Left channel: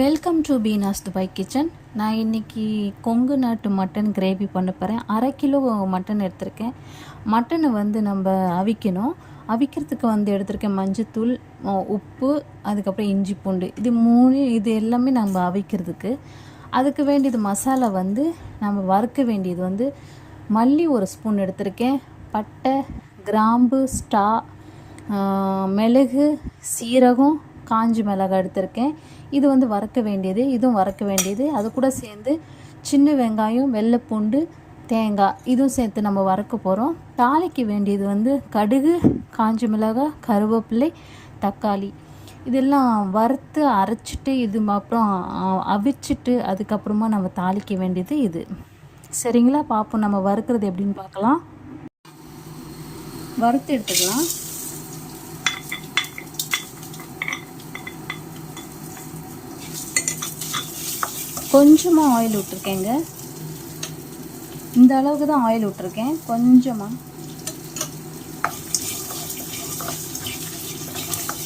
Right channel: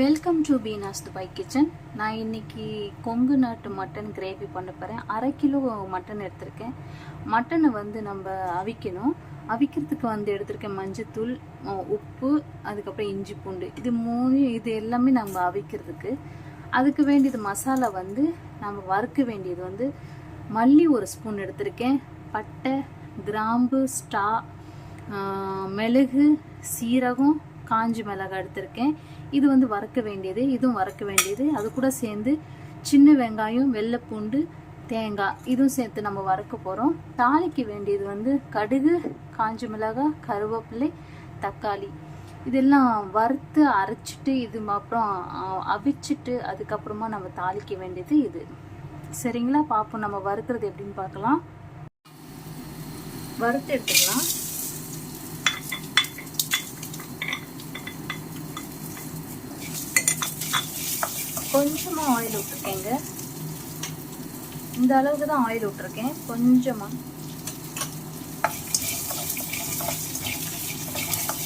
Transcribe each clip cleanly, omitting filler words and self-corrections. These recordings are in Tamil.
Welcome to Beena's Dubai kitchen. நான் இன்றைக்கி கொங்கு நாட்டு மட்டன் கிரேவி பண்ண போகிறேன். 1/2 கிலோ மட்டன் எடுத்திருக்கேன். மட்டனை நம்ம அவிக்கணும். அவிக்கிறதுக்கு எடுத்திருக்கேன் மஞ்சத்தூள், உப்பு, அதுக்கப்புறம் இஞ்சி பூண்டு. இது எல்லாமே நம்ம அவிக்கிறதுக்கு. அதுக்கு வேண்டியது மசாலா நம்ம வறுக்க வேண்டியது மல்லி 1 ஸ்பூன் எடுத்திருக்கேன். பட்டை, கிராம்பு, ஸ்டா, மிளகு, சீரகம், காஞ்சி மிளகாய் எடுத்திருக்கேன். இது வறுக்க வேண்டியது, இதுவும் வறுக்க வேண்டியது. அது கூட சேர்ந்து சின்ன வெங்காயம், வெள்ளைப்பூண்டு, தேங்காய் இதுவும் சேர்த்து நம்ம வறுக்க போகிறோம். தாளிக்கு வேண்டியது கடுகு, காஞ்சி மிளகாய், கருவேப்பிலை, தக்காளி இதெல்லாம் வறுத்து அரைச்சிட்டு அப்புறம் அவிச்சிட்டு அதுக்கப்புறமா நம்ம தாளிக்க வேண்டியது இது. சரிங்களா? பார்ப்போம் நம்ம வறுக்கிறது எப்படின்னு பார்க்கலாம். வறுத்து எடுத்துக்கலாம். கொஞ்சமாக ஆயில் விட்டுருக்கேங்க. இந்த அளவுக்கு தான் ஆயில் விட்டுருக்கேன். கொஞ்சமாக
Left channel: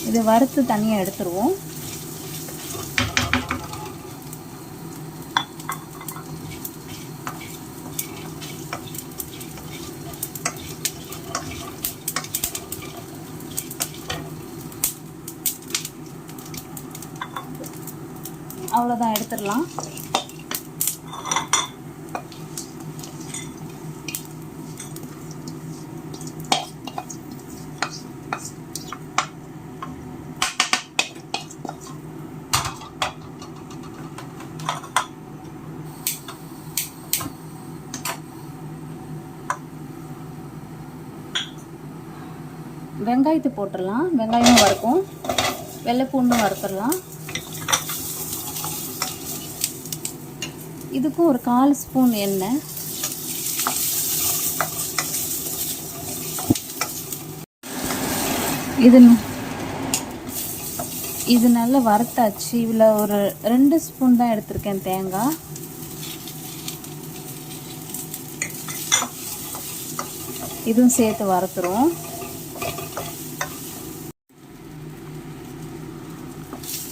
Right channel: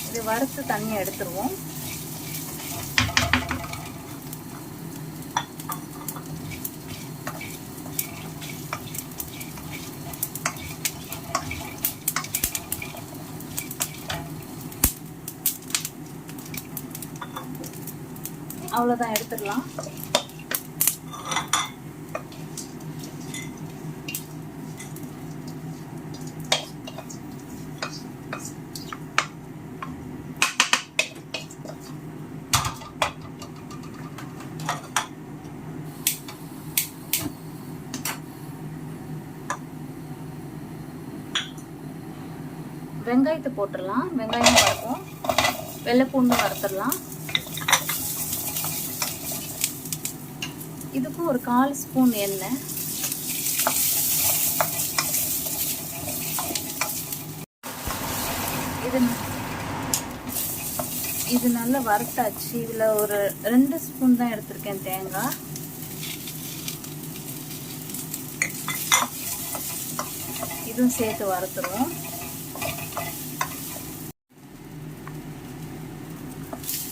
இதை வறுத்து தனியாக எடுத்துருவோம். அவ்வளோதான், எடுத்துடலாம். வெங்காயத்தை போட்டுடலாம். வெங்காயம் வறுக்கும், வெள்ளைப்பூண்டும் வறுத்துடலாம். இதுக்கும் ஒரு 1/4 ஸ்பூன் எண்ணெய். இது நல்லா வறுத்தாச்சு. இதில் ஒரு 2 ஸ்பூன் தான் எடுத்திருக்கேன் தேங்காய். இதுவும் சேர்த்து வறுத்துருவோம்.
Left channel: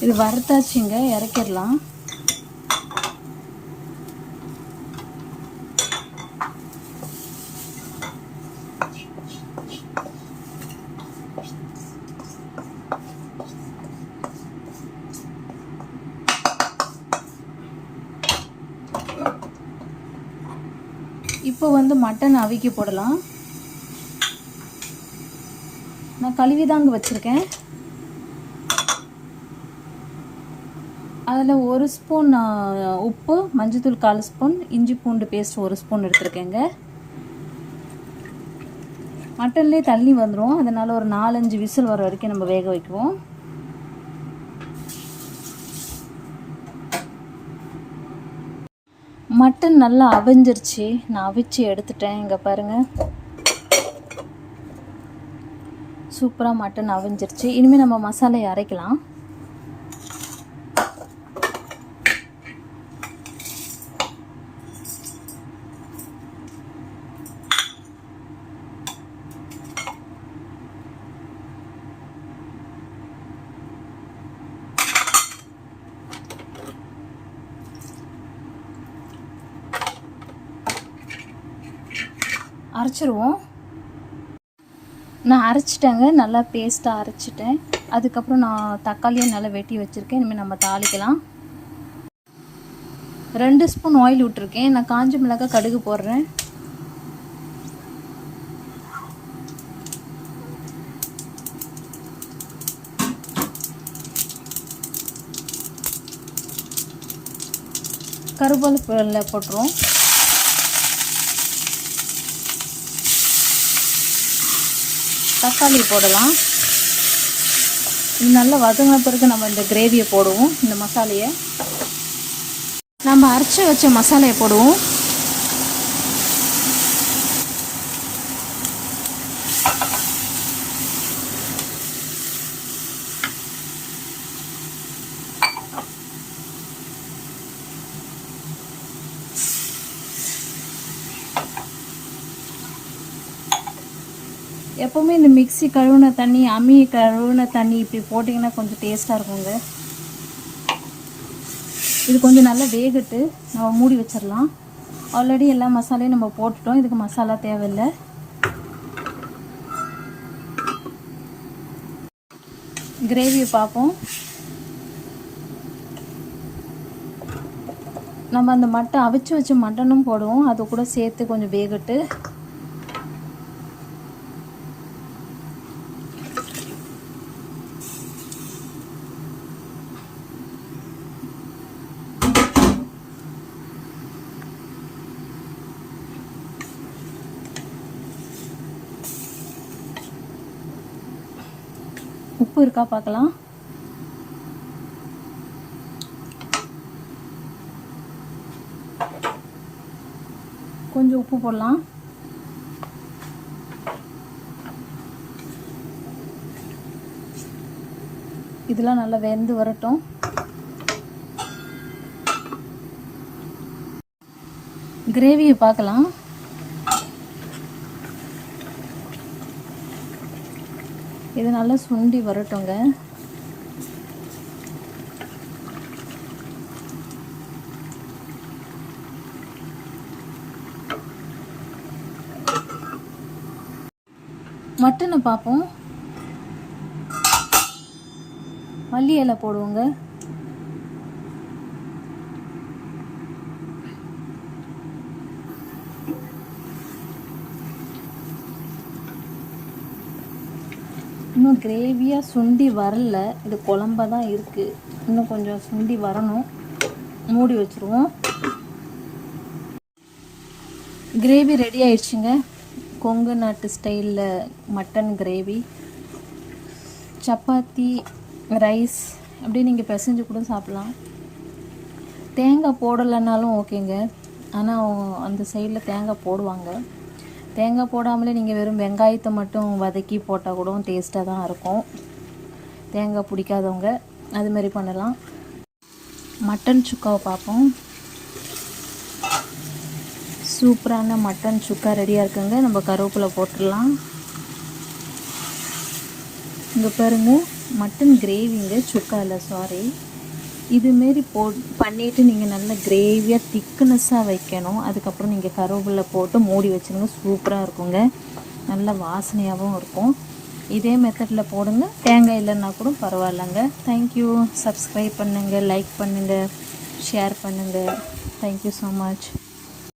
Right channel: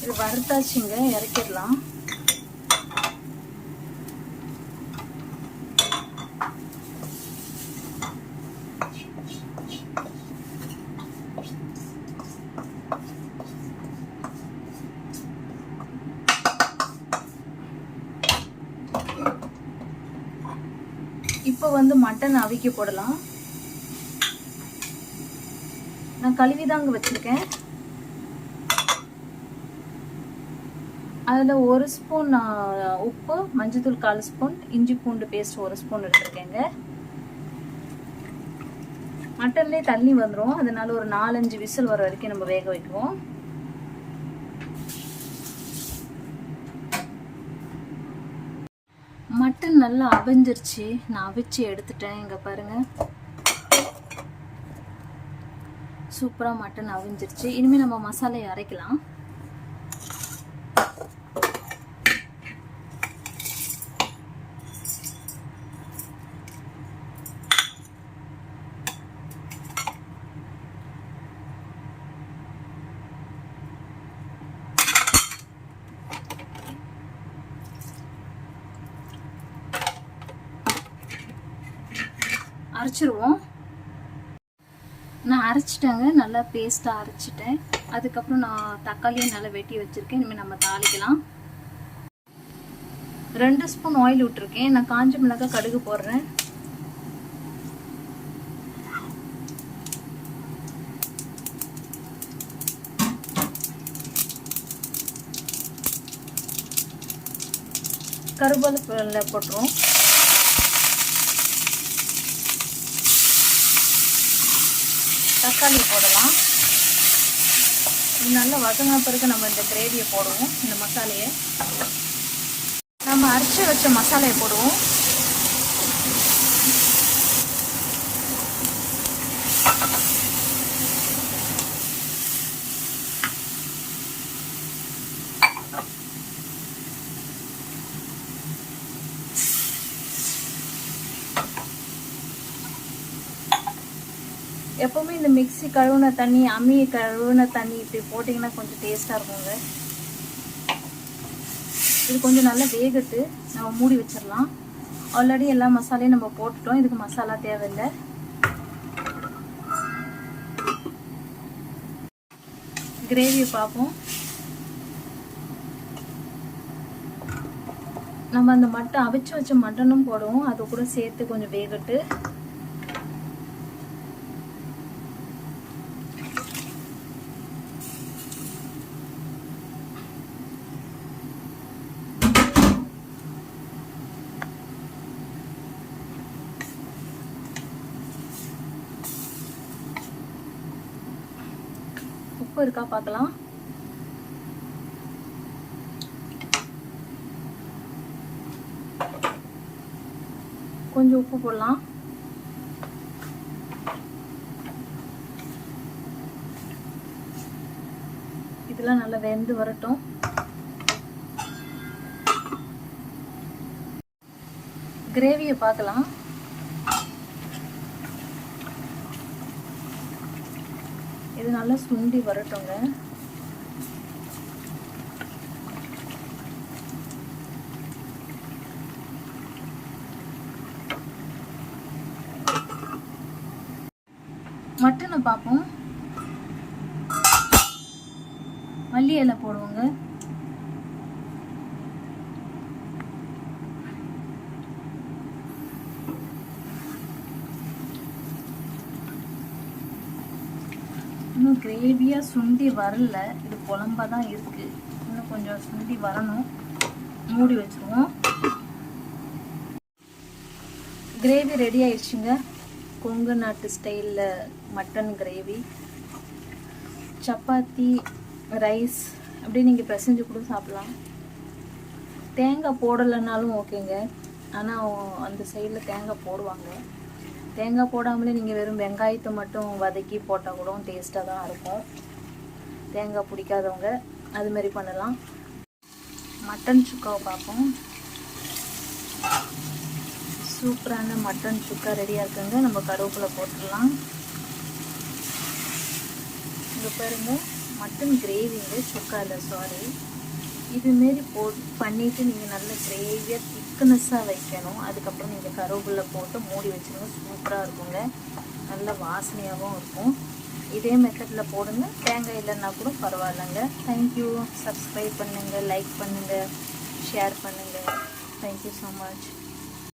இது வறுத்தாச்சுங்க, இறக்கிடலாம். இப்போ மட்டன் அவிக்க போடலாம். நான் கழுவிதாங்க வச்சிருக்கேன். அதில் 1 ஸ்பூன் உப்பு, மஞ்சத்தூள் 1/4 ஸ்பூன், இஞ்சி பூண்டு பேஸ்ட் 1 ஸ்பூன் எடுத்துருக்கேங்க. மட்டன்லேயே தண்ணி வந்துடும், அதனால் ஒரு 4-5 விசில் வர வரைக்கும் நம்ம வேக வைக்குவோம். மட்டன் நல்லா அவிஞ்சிருச்சு. நான் அவிச்சு எடுத்துட்டேன். இங்கே பாருங்கள், சூப்பராக மட்டன் அவிஞ்சிருச்சு. இனிமேல் நம்ம மசாலையை அரைக்கலாம். அரைச்சிருவோம். நான் அரைச்சிட்டேங்க, நல்லா பேஸ்ட்டாக அரைச்சிட்டேன். அதுக்கப்புறம் நான் தக்காளியும் நல்லா வெட்டி வச்சுருக்கேன். இனிமேல் நம்ம தாளிக்கலாம். 2 ஸ்பூன் ஆயில் விட்டுருக்கேன். நான் காஞ்ச மிளகாய், கடுகு போடுறேன். கருவேப்பிலை போட்டுருவோம். தக்காளி போடலாம். இது நல்லா வதங்கின பிறகு நம்ம இந்த கிரேவியை போடுவோம். இந்த மசாலையை நம்ம அரைச்சி வச்ச மசாலையை போடுவோம். எப்பவுமே இந்த மிக்ஸி கழுவுன தண்ணி, அம்மி கழுவுன தண்ணி இப்படி போட்டிங்கன்னா கொஞ்சம் டேஸ்ட்டாக இருக்குங்க. இது கொஞ்சம் நல்லா வேகட்டு நம்ம மூடி வச்சிடலாம். ஆல்ரெடி எல்லா மசாலையும் நம்ம போட்டுட்டோம், இதுக்கு மசாலா தேவையில்லை. கிரேவியை பார்ப்போம். நம்ம அந்த மட்டன் அவிச்சு வச்ச மட்டனும் போடுவோம், அது கூட சேர்த்து கொஞ்சம் வேகட்டு. உப்பு இருக்கா பார்க்கலாம். கொஞ்சம் உப்பு போடலாம். இதெல்லாம் நல்லா வெந்து வரட்டும். கிரேவியை பார்க்கலாம். இது நல்லா சுண்டி வரட்டுங்க. மட்டனை பார்ப்போம். மல்லி இலை போடுவோங்க. இன்னும் கிரேவியாக சுண்டி வரல, இது குழம்பாக தான் இருக்குது. இன்னும் கொஞ்சம் சுண்டி வரணும். மூடி வச்சுருவோம். கிரேவி ரெடி ஆயிடுச்சுங்க. கொங்கு நாட்டு ஸ்டைலில் மட்டன் கிரேவி. சப்பாத்தி, ரைஸ் அப்படி நீங்கள் பிசைஞ்சு கூட சாப்பிட்லாம். தேங்காய் போடலைன்னாலும் ஓகேங்க, ஆனால் அந்த சைடில் தேங்காய் போடுவாங்க. தேங்காய் போடாமலே நீங்கள் வெறும் வெங்காயத்தை மட்டும் வதக்கி போட்டால் கூட டேஸ்ட்டாக தான் இருக்கும். தேங்காய் பிடிக்காதவங்க அதுமாரி பண்ணலாம். மட்டன் சுக்காவை பார்ப்போம். சூப்பரான மட்டன் சுக்கா ரெடியாக இருக்குங்க. நம்ம கருவேப்பிலை போட்டுடலாம். இங்கே பாருங்க, மட்டன் கிரேவிங்க, சுக்கா இல்லை சாரி. இதுமாரி பண்ணிவிட்டு நீங்கள் நல்லா கிரேவியாக திக்னஸ்ஸாக வைக்கணும். அதுக்கப்புறம் நீங்கள் கருவேப்பிலை போட்டு மூடி வச்சுருங்க. சூப்பராக இருக்குங்க, நல்ல வாசனையாகவும் இருக்கும். இதே மெத்தடில் போடுங்க. தேங்காய் இல்லைன்னா கூட பரவாயில்லைங்க. தேங்க்யூ. சப்ஸ்கிரைப் பண்ணுங்கள், லைக் பண்ணுங்கள், ஷேர் பண்ணுங்கள். Thank you so much.